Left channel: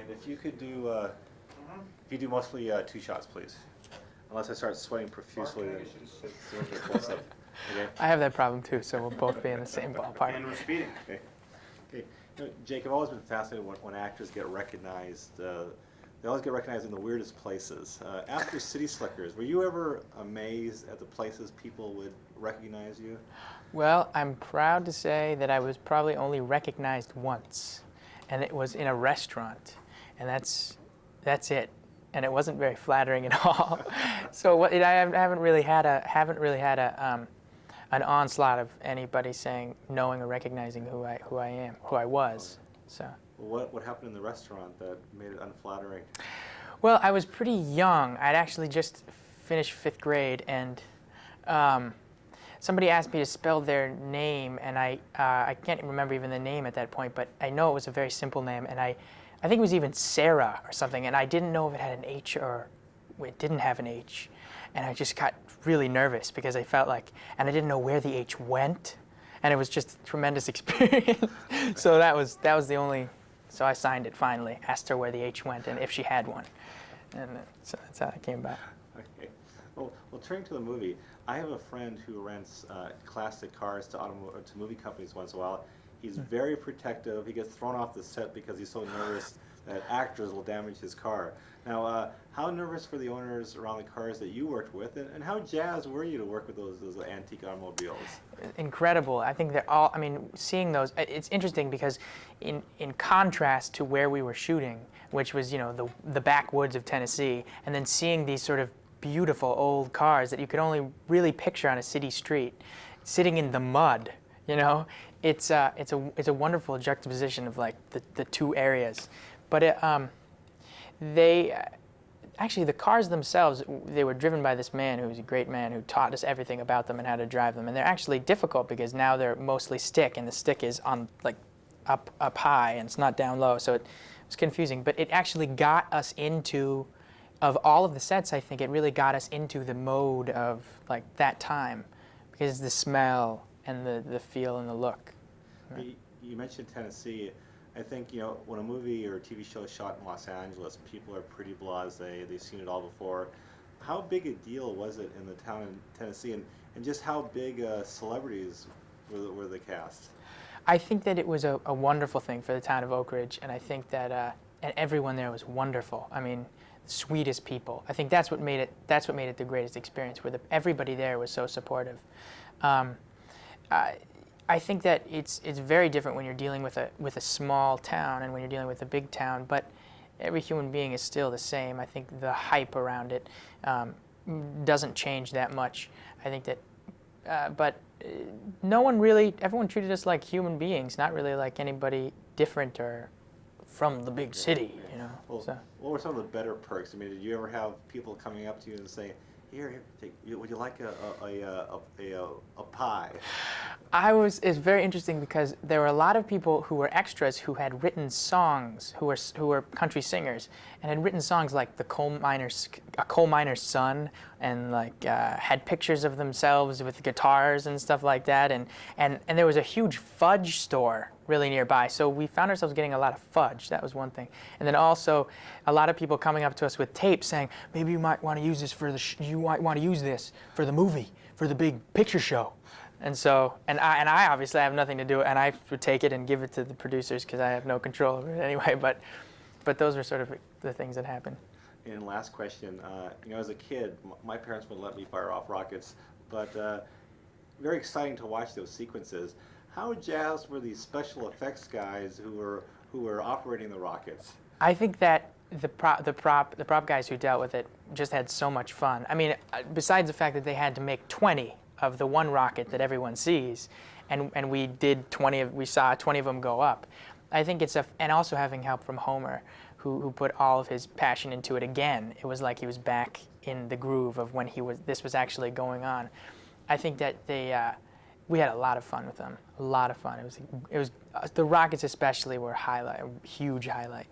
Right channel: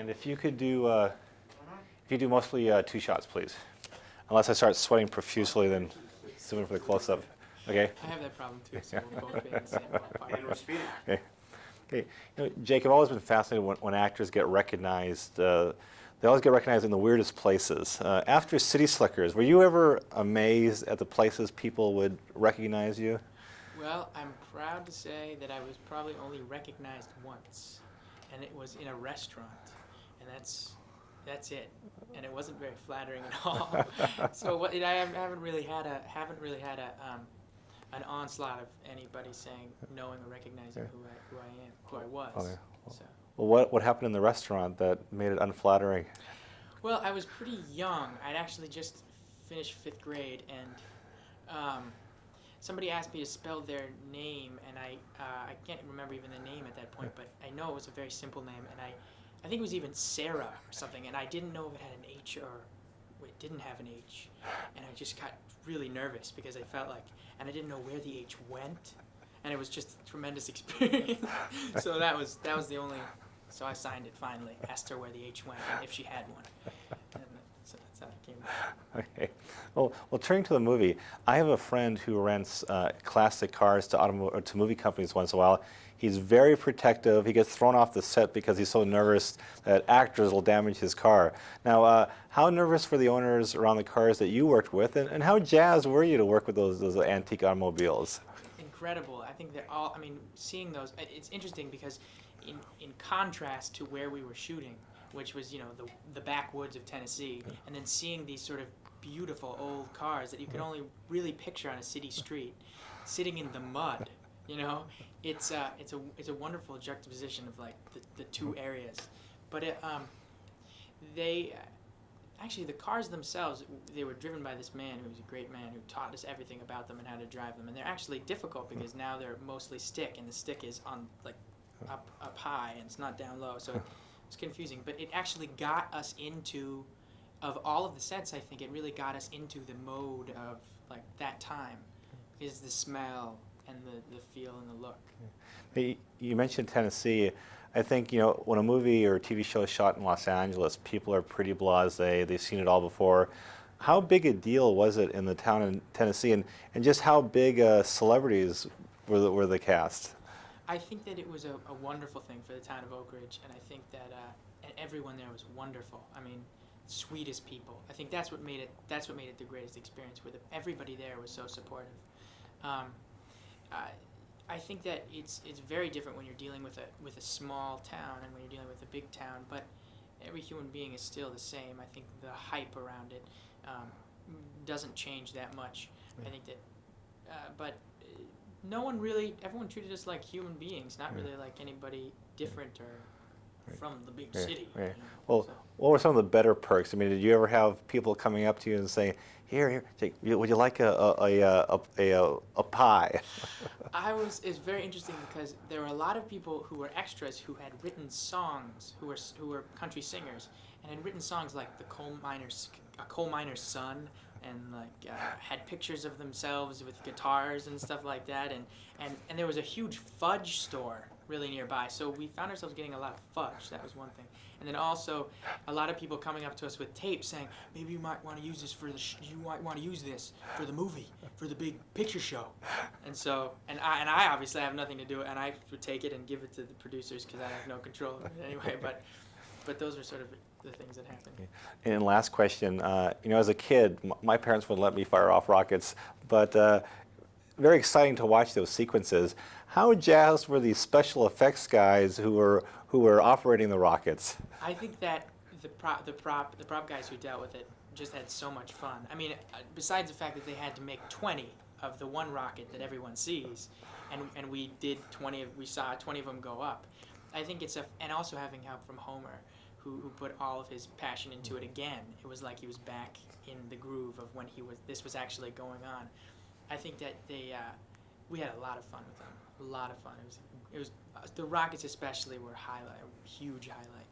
And if you could do, mostly 2 shots, please. Unless I start sweating profusely, then zoom in for a close-up. Okay. I have that problem too, so we'll both be in the same ballpark. Okay. Okay. Jake, I've always been fascinated when actors get recognized. They always get recognized in the weirdest places. After City Slickers, were you ever amazed at the places people would recognize you? Well, I'm proud to say that I was probably only recognized once, and it was in a restaurant, and that's it. And it wasn't very flattering at all. So I haven't really had an onslaught of anybody saying, knowing or recognizing who I was. Okay. So. Well, what happened in the restaurant that made it unflattering? Well, I was pretty young. I'd actually just finished 5th grade, and somebody asked me to spell their name, and I can't remember even the name at that point, but I know it was a very simple name, and I think it was even Sarah or something, and I didn't know if it had an H or it didn't have an H, and I just got really nervous because I felt like, and I didn't know where the H went, and it was just a tremendous experience. So that was the only. So I signed it finally, asked her where the H went and if she had one, and so that's how it came back. Okay. Well, turning to the movie, I have a friend who rents classic cars to movie companies once in a while. He's very protective. He gets thrown off the set because he's so nervous that actors will damage his car. Now, how nervous were the owners around the cars that you worked with, and how jazzed were you to work with those antique automobiles? Incredible. I think they're all, seeing those, it's interesting because in contrast to where we were shooting, which was, the backwoods of Tennessee, and then seeing these sort of beautiful old cars that you could only really picture on a city street, sitting in the mud, it's a wonderful juxtaposition of like the two areas. But actually the cars themselves, they were driven by this man who was a great man who taught us everything about them and how to drive them. And they're actually difficult because now they're mostly stick, and the stick is on like up high and it's not down low. So it's confusing. But it actually got us into, of all of the sets, I think it really got us into the mode of like that time, because the smell and the feel and the look. You mentioned Tennessee. I think, when a movie or a TV show is shot in Los Angeles, people are pretty blasé. They've seen it all before. How big a deal was it in the town in Tennessee, and just how big celebrities were the cast? I think that it was a wonderful thing for the town of Oak Ridge, and I think that and everyone there was wonderful. Sweetest people. I think that's what made it the greatest experience, where everybody there was so supportive. I think that it's very different when you're dealing with a small town and when you're dealing with a big town, but every human being is still the same. I think the hype around it doesn't change that much. I think that, but no one really, everyone treated us like human beings, not really like anybody different or from the big city. Yeah. Well, so. What were some of the better perks? Did you ever have people coming up to you and saying, "Here, Jake, would you like a pie?" It's very interesting because there were a lot of people who were extras who had written songs, who were country singers, and had written songs like "A Coal Miner's Son," and like had pictures of themselves with guitars and stuff like that, and there was a huge fudge store really nearby, so we found ourselves getting a lot of fudge. That was one thing, and then also a lot of people coming up to us with tapes saying, "Maybe you might want to use this for the movie, for the big picture show." And so, and I obviously have nothing to do, and I would take it and give it to the producers because I have no control over it anyway. But those were sort of the things that happened. And last question, as a kid, my parents wouldn't let me fire off rockets, but very exciting to watch those sequences. How jazzed were these special effects guys who were operating the rockets? I think that the prop guys who dealt with it just had so much fun. Besides the fact that they had to make 20 of the one rocket that everyone sees, and we saw 20 of them go up. I think and also having help from Homer, who put all of his passion into it again. It was like he was back in the groove of when this was actually going on. I think that we had a lot of fun with them. A lot of fun. It was the rockets especially were a huge highlight.